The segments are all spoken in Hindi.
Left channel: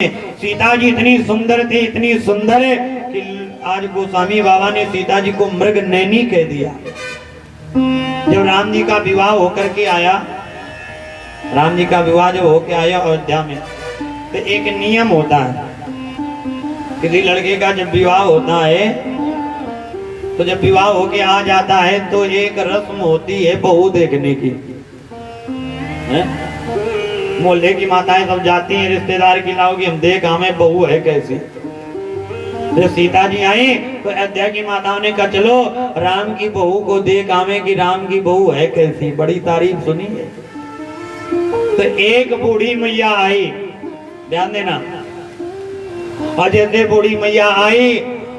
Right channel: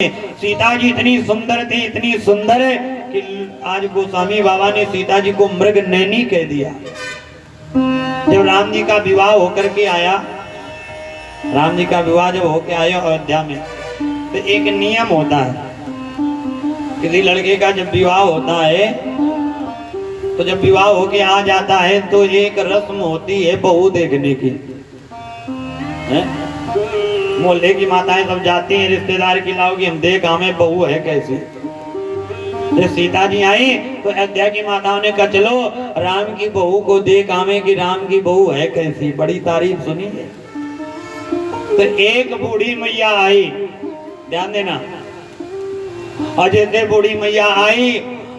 सीता जी इतनी सुंदर थी, इतनी सुंदर कि आज गोस्वामी बाबा ने सीता जी को मृग नैनी कह दिया। जब राम जी का विवाह होकर के आया, राम जी का विवाह जब होकर आया अयोध्या में, तो एक नियम होता है, किसी लड़के का जब विवाह होता है तो जब विवाह होके आ जाता है तो एक रस्म होती है बहू देखने की। मोहल्ले की माताएं सब जाती हैं, रिश्तेदार की लाओगी, हम देख हमें बहू है कैसी। तो सीता जी आई तो अयोध्या की माताओं ने कहा चलो राम की बहू को देख आवे कि राम की बहू है कैसी, बड़ी तारीफ सुनी है। तो एक बूढ़ी मैया आई, ध्यान देना, और जैसे बूढ़ी मैया आई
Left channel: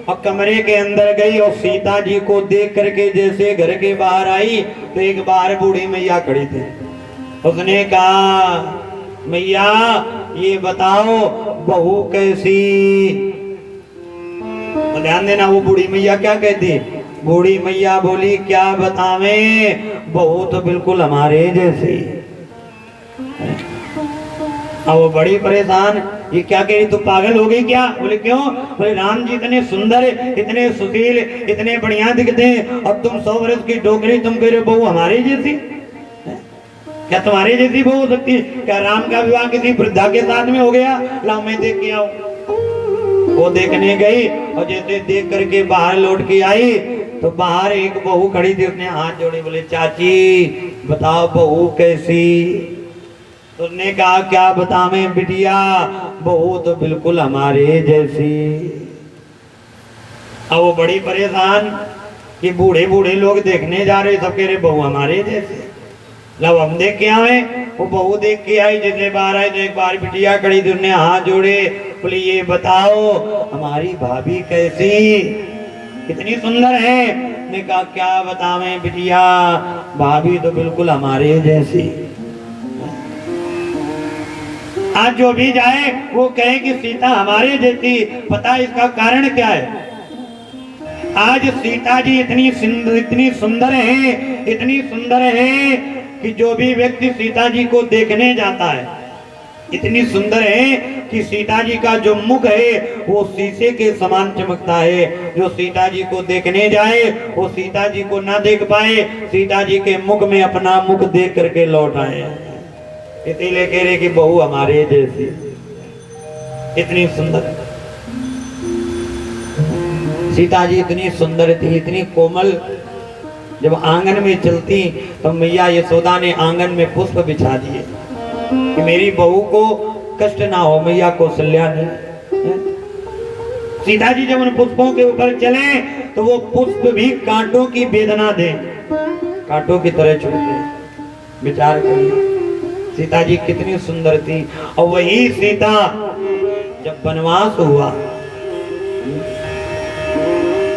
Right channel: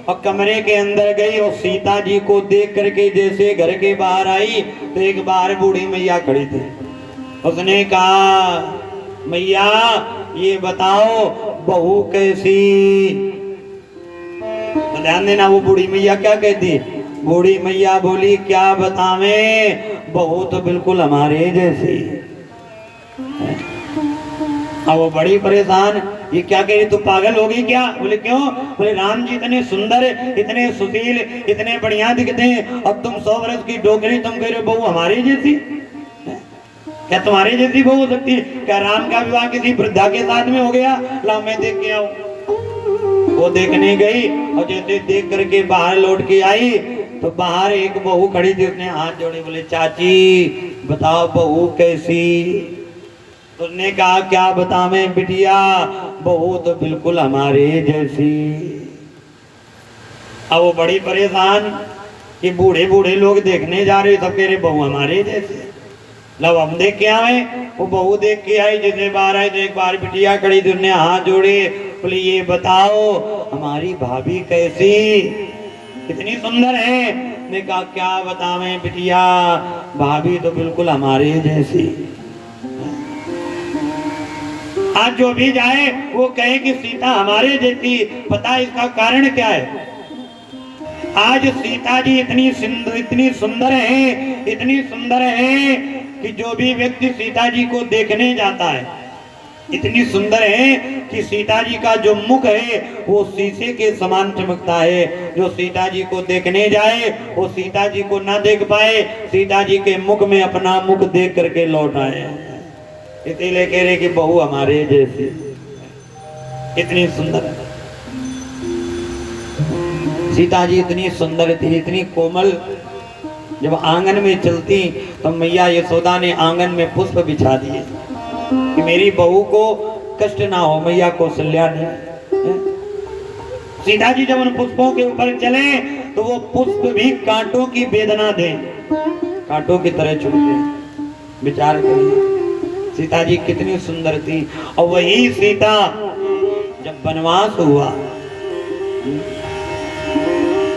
और कमरे के अंदर गई और सीता जी को देख करके जैसे घर के बाहर आई तो एक बार बूढ़ी मैया खड़ी थी। उसने कहा मैया ये बताओ बहू कैसी। तो ध्यान देना, वो बूढ़ी मैया क्या कहती, बूढ़ी मैया बोली क्या बतावे, बहू तो बिल्कुल हमारे जैसी। अब वो बड़ी परेशान, ये क्या कह रही, तू पागल हो गई क्या? बोले क्यों? बोले राम जी इतने सुंदर, इतने सुशील, इतने बढ़िया दिखते हैं और तुम 100 वर्ष की डोकरी, तुम कह रहे हो बहू हमारी जैसी। क्या तुम्हारी जैसी बहू हो सकती है? क्या राम का विवाह किसी वृद्धा के साथ में हो गया? ला मैं देख के आऊं। वो देखने गई और जैसे देख करके बाहर लौट के आई तो बाहर एक बहू खड़ी थी, उसने हाथ जोड़े, बोले चाची बताओ बहू कैसी। उसने कहा क्या बतावे बिटिया, बहू तो बिल्कुल हमारे जैसी। अब वो बड़ी परेशान कि बूढ़े बूढ़े लोग देखने जा रहे, सब कह रहे बहू हमारे जैसे। लब हम देख के आए, वो बहू देख के आई, जितने बार आए तो एक बार बिटिया खड़ी थी, उन्हें हाथ जोड़े, बोले ये बताओ हमारी भाभी कैसी, कितनी सुंदर है। ने कहा क्या बतावे बिटिया, भाभी तो बिल्कुल हमारे जैसी। आज जो भी जाए वो कहे कि सीता हमारे जैसी। पता है इसका कारण क्या है? आज सीता जी इतनी सुंदर है, इतनी सुंदर है कि जो भी व्यक्ति सीता जी को देखने जाता है, इतनी सुंदर है कि सीता जी का जो मुख है वो शीशे के समान चमकता है। जो सीता जी को देखने जाए वो सीता जी को ना देख पाए, सीता जी के मुख में अपना मुख देख करके लौट आए। इसीलिए कह रहे कि बहू हमारे जैसी, इतनी सुंदर सीता जी, इतनी सुंदर थी, इतनी कोमल। जब आंगन में चलती तो मैया यशोदा ने आंगन में पुष्प बिछा दिए कि मेरी बहू को कष्ट ना हो। मैया कौशल्या ने, सीता जी जब उन पुष्पों के ऊपर चले तो वो पुष्प भी कांटों की वेदना दे, कांटों की तरह चुभते। विचार करिए सीता जी कितनी सुंदर थी। और वही सीता जब वनवास हुआ,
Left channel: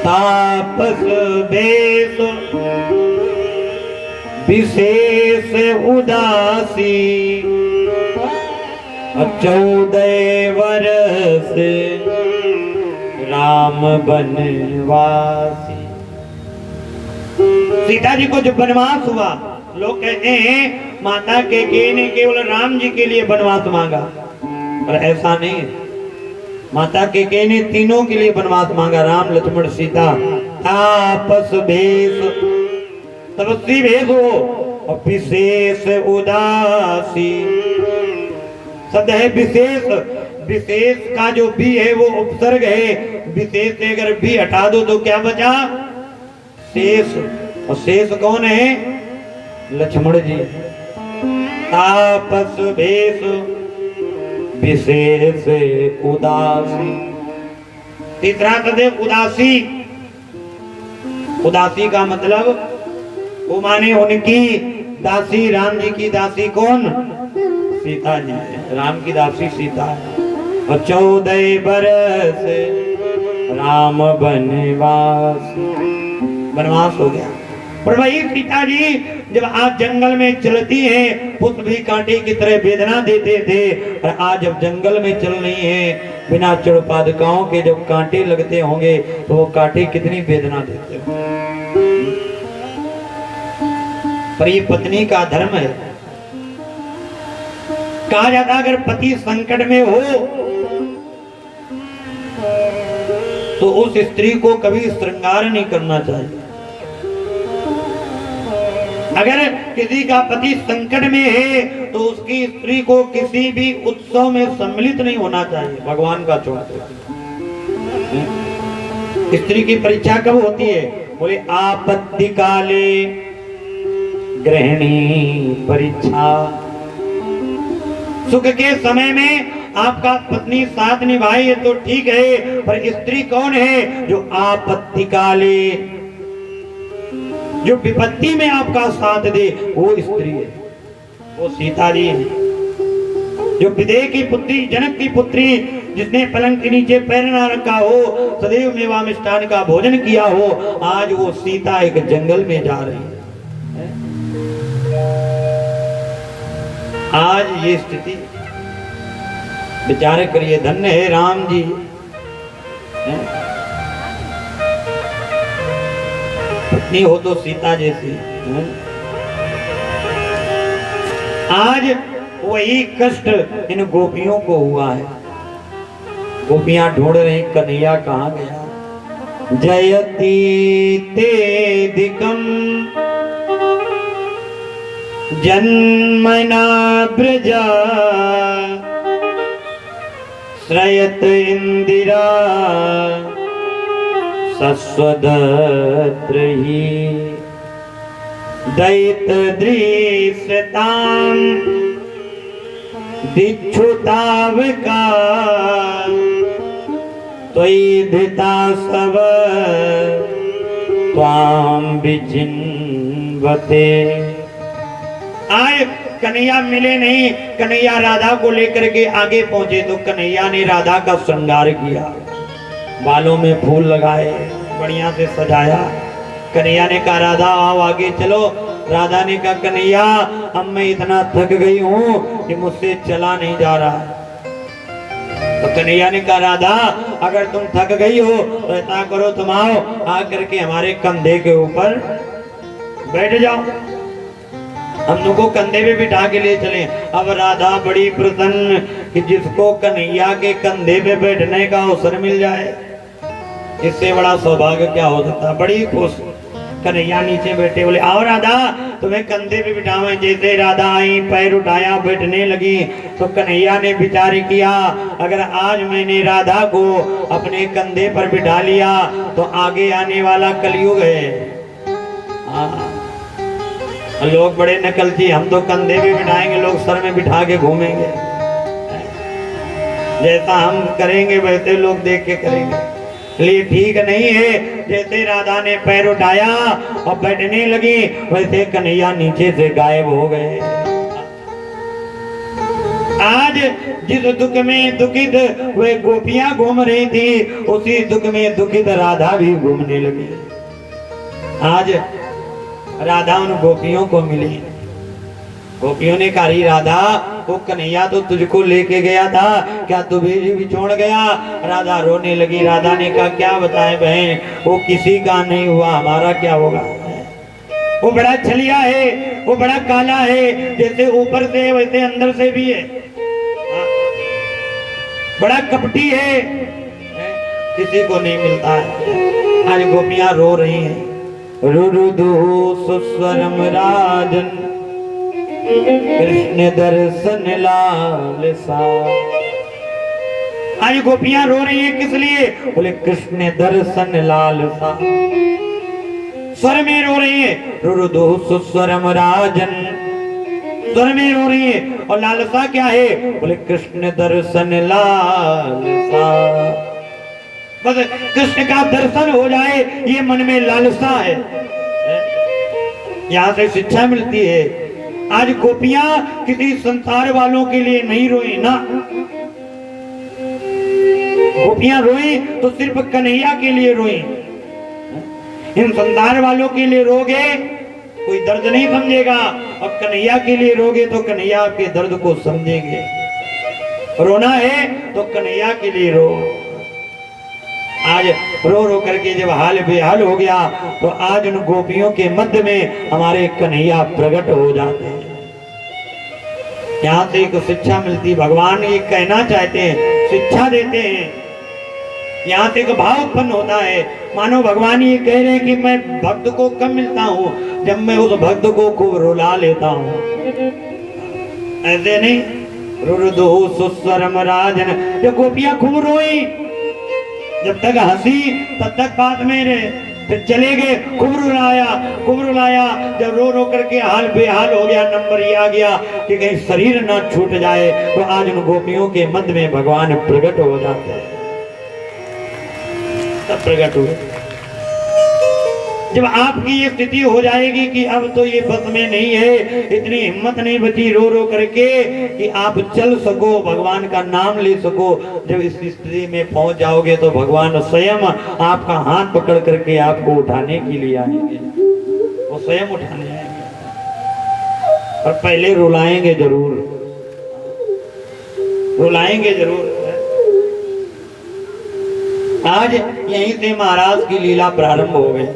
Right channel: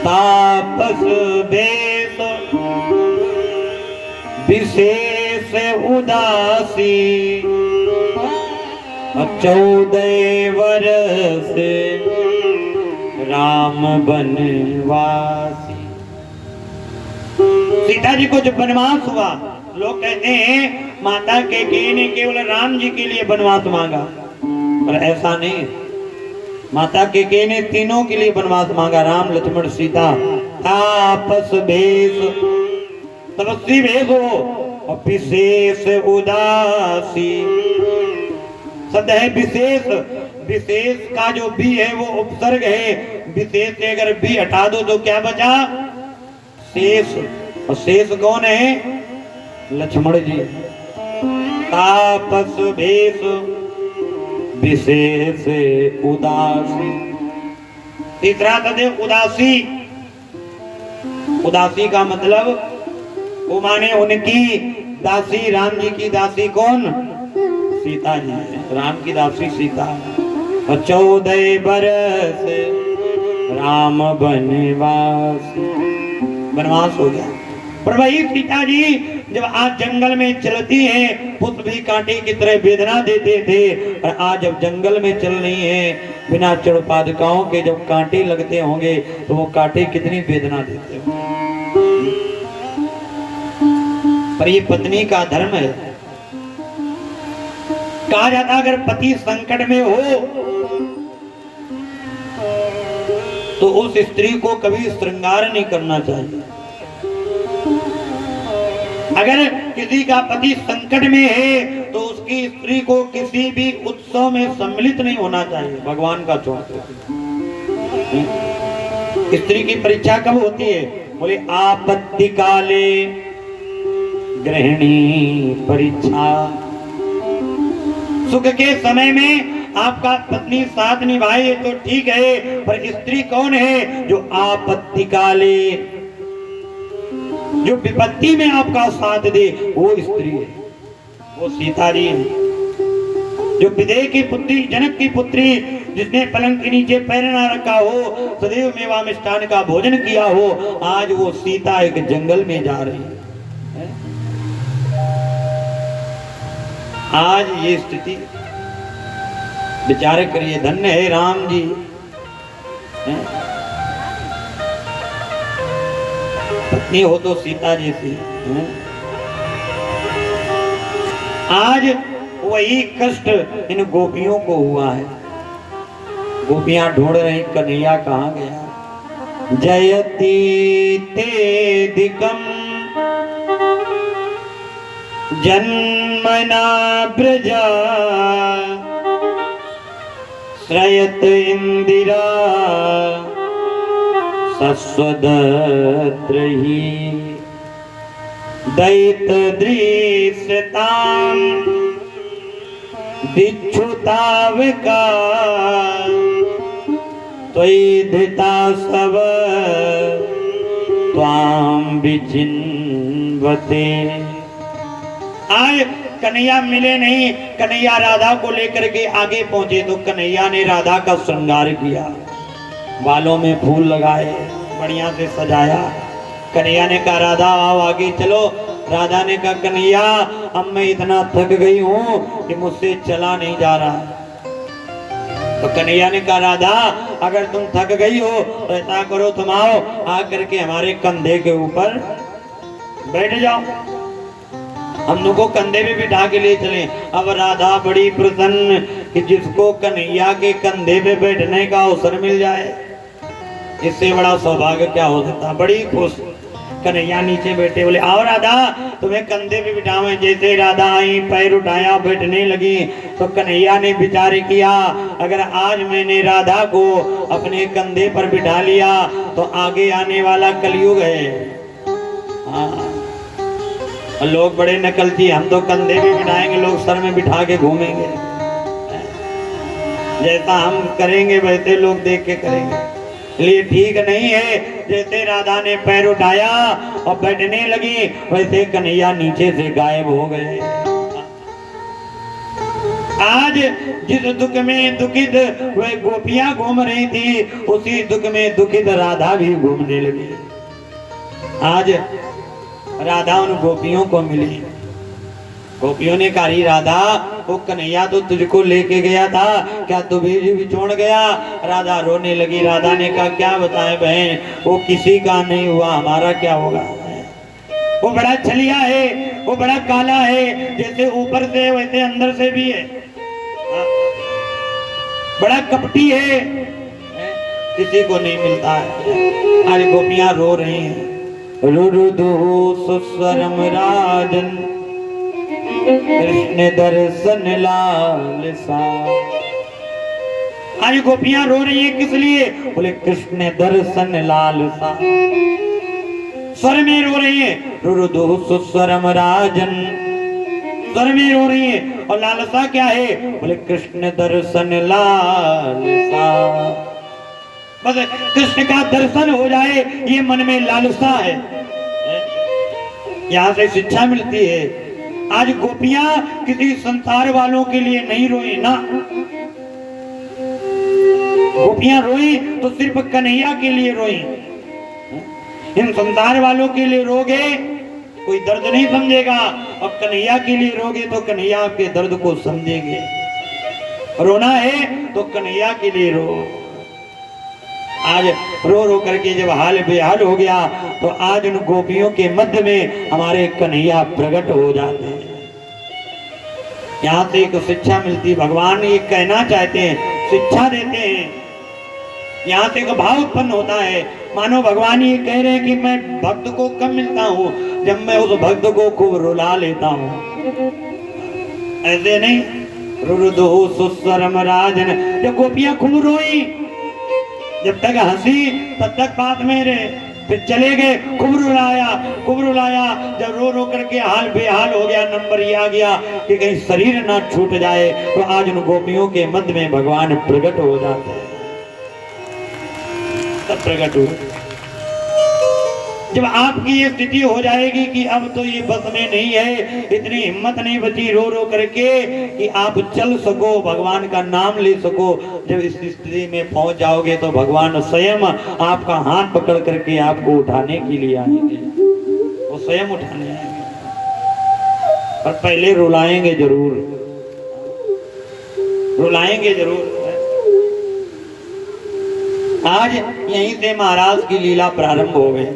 तापस बेश विशेष उदासी, 14 वर्ष राम बनवासी। सीता जी को जब वनवास हुआ, लोग कहते हैं माता कैकेयी ने केवल राम जी के लिए वनवास मांगा, पर ऐसा नहीं। माता कैकेयी ने तीनों के लिए वनवास मांगा, राम लक्ष्मण सीता। तापस भेष, तपस्वी भेष हो, और विशेष उदासी। शब्द है विशेष, विशेष का जो भी है वो उपसर्ग है, विशेष से अगर भी हटा दो तो क्या बचा? शेष। और शेष कौन है? लक्ष्मण जी। तापस भेष विशेष उदासी। तीसरा शब्द है उदासी। उदासी का मतलब वो माने उनकी दासी, राम जी की दासी कौन? सीता जी। राम की दासी सीता है। और 14 वर्ष राम बनवास, वनवास हो गया। पर वही सीता जी जब आज जंगल में चलती हैं, पुष्प भी कांटे की तरह वेदना देते थे, और आज जब जंगल में चल रही हैं बिना चढ़पादुकाओं के, जब कांटे लगते होंगे तो वो कांटे कितनी वेदना देते होंगे। पर ये पत्नी का धर्म है। कहा जाता अगर पति संकट में हो तो उस स्त्री को कभी श्रृंगार नहीं करना चाहिए। अगर किसी का पति संकट में है तो उसकी स्त्री को किसी भी उत्सव में सम्मिलित नहीं होना चाहिए। भगवान का छोड़ स्त्री की परीक्षा कब होती है? बोले आपत्ति काले गृहिणी परीक्षा। सुख के समय में आपका पत्नी साथ निभाए तो ठीक है, पर स्त्री कौन है जो आपत्ति काले, जो विपत्ति में आपका साथ दे, वो स्त्री है। वो सीता जी है, जो विदेह की पुत्री, जनक की पुत्री, जिसने पलंग के नीचे पैर ना रखा हो, सदैव मेवा मिष्ठान का भोजन किया हो, आज वो सीता एक जंगल में जा रही है। आज ये स्थिति विचार करिए। धन्य है राम जी, पत्नी हो तो सीता जैसी। आज वही कष्ट इन गोपियों को हुआ है। गोपियां ढूंढ रही कन्हैया कहाँ गया। जयति तेदिकम जन्मना ब्रजा श्रयत इंदिरा सस्वदत्रही दैत दृश्यताम दिक्षुतावका त्वयि धृता सब त्वाम विचिन्वते। आज कन्हैया मिले नहीं। कन्हैया राधा को लेकर के आगे पहुंचे तो कन्हैया ने राधा का श्रृंगार किया, बालों में फूल लगाए, बढ़िया से सजाया। कन्हैया ने कहा राधा आओ आगे चलो। राधा ने कहा कन्हैया अब मैं इतना थक गई हूँ कि मुझसे चला नहीं जा रहा। तो कन्हैया ने कहा राधा अगर तुम थक गई हो तो ऐसा करो, तुम आओ आकर के हमारे कंधे के ऊपर बैठ जाओ, हम तुमको कंधे पे बिठा के ले चले। अब राधा बड़ी प्रसन्न कि जिसको कन्हैया के कंधे पे बैठने का अवसर मिल जाए, इससे बड़ा सौभाग्य क्या हो सकता। बड़ी खुश। कन्हैया नीचे बैठे, बोले आओ राधा तुम्हें कंधे पे बिठावे। जैसे राधा आई, पैर उठाया, बैठने लगी तो कन्हैया ने विचार किया अगर आज मैंने राधा को अपने कंधे पर बिठा लिया तो आगे आने वाला कलयुग है। हाँ, लोग बड़े नकलची, हम तो कंधे पे बिठाएंगे, लोग सर में बिठा के घूमेंगे। जैसा हम करेंगे वैसे लोग देख के करेंगे, इसलिए ठीक नहीं है। जैसे राधा ने पैर उठाया और बैठने लगी वैसे कन्हैया नीचे से गायब हो गए। आज जिस दुख में दुखित वे गोपियां घूम रही थी, उसी दुख में दुखित राधा भी घूमने लगी। आज राधा उन गोपियों को मिली। गोपियों ने कहा राधा वो कन्हैया तो तुझको लेके गया था, क्या तुझे भी छोड़ गया? राधा रोने लगी। राधा ने कहा क्या बताएं बहन, वो किसी का नहीं हुआ, हमारा क्या होगा। वो बड़ा छलिया है, वो बड़ा काला है, जैसे ऊपर से वैसे अंदर से भी है, बड़ा कपटी है, किसी को नहीं मिलता है। आज गोपियां रो रही हैं। रुरुदु सुस्वरम राजन कृष्ण दर्शन लालसा। आज गोपियां रो रही है किस लिए? बोले कृष्ण दर्शन लालसा। स्वर में रो रही है, रुरुदु सुस्वरम राजन, स्वर में रो रही है। और लालसा क्या है? बोले कृष्ण दर्शन लालसा। बस कृष्ण का दर्शन हो जाए ये मन में लालसा है। यहाँ से शिक्षा मिलती है। आज गोपियां किसी संसार वालों के लिए नहीं रोई ना, गोपियां रोई तो सिर्फ कन्हैया के लिए रोई। इन संसार वालों के लिए रोगे कोई दर्द नहीं समझेगा, और कन्हैया के लिए रोगे तो कन्हैया आपके दर्द को समझेंगे। रोना है तो कन्हैया के लिए रो। आज रो रो करके जब हाल बेहाल हो गया तो आज उन गोपियों के मध्य में हमारे कन्हैया प्रकट हो जाते हैं। यहाँ से एक शिक्षा मिलती, भगवान ये कहना चाहते हैं, शिक्षा देते हैं यहाँ से एक भाव उत्पन्न होता है, मानो भगवान ये कह रहे हैं कि मैं भक्त को कब मिलता हूँ जब मैं उस भक्त को खूब रुला लेता हूँ। ऐसे नहीं, रुरुदु सुस्वरम राजन, जब गोपियां खूब रोई, जब तक हंसी तब तक बात में रहे, फिर चले गए, खूब रुलाया, जब रो रो करके हाल बेहाल हो गया, नंबर ये आ गया कि कहीं शरीर ना छूट जाए, तो आज उन गोपियों के मध्य में भगवान प्रकट हो जाते हैं। तब प्रकट हुए जब आपकी ये स्थिति हो जाएगी कि अब तो ये बस में नहीं है, इतनी हिम्मत नहीं बची रो रो करके कि आप चल सको, भगवान का नाम ले सको। जब इस स्थिति में पहुंच जाओगे तो भगवान स्वयं आपका हाथ पकड़ करके आपको उठाने के लिए आएंगे, वो स्वयं उठाने आएंगे, पर पहले रुलाएंगे जरूर, रुलाएंगे जरूर। आज यहीं से महाराज की लीला प्रारंभ हो गई।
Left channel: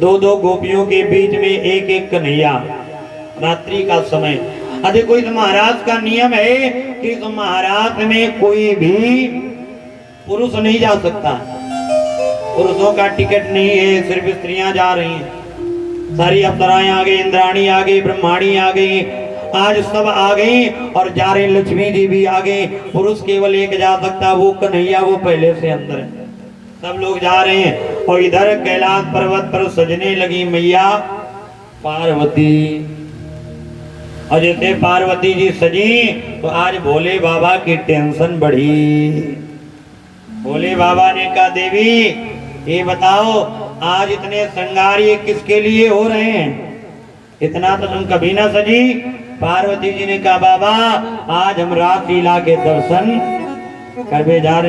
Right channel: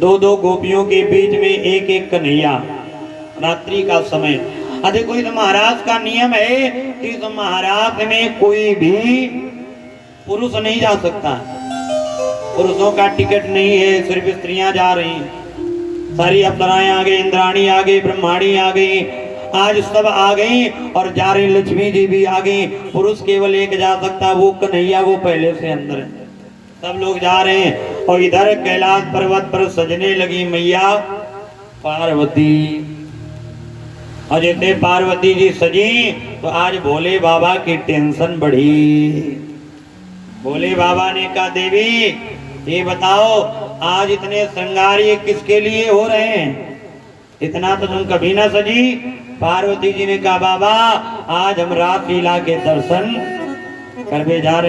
दो दो गोपियों के बीच में एक एक कन्हैया, रात्रि का समय। देखो इस महाराज का नियम है कि इस महाराज में कोई भी पुरुष नहीं जा सकता, पुरुषों का टिकट नहीं है, सिर्फ स्त्रियां जा रही हैं। सारी अप्सराएं आ गई, इंद्राणी आ गई, ब्रह्माणी आ गई, आज सब आ गई और जा रही, लक्ष्मी जी भी आ गई। पुरुष केवल एक जा सकता, वो कन्हैया, वो पहले से अंदर है। सब लोग जा रहे हैं और इधर कैलाश पर्वत पर सजने लगी मैया पार्वती। और जैसे पार्वती जी सजी तो आज भोले बाबा की टेंशन बढ़ी। भोले बाबा ने कहा देवी ये बताओ आज इतने श्रृंगार ये किसके लिए हो रहे हैं, इतना तो तुम कभी ना सजी। पार्वती जी ने कहा बाबा आज हम रासलीला के दर्शन करने जा रहे हैं।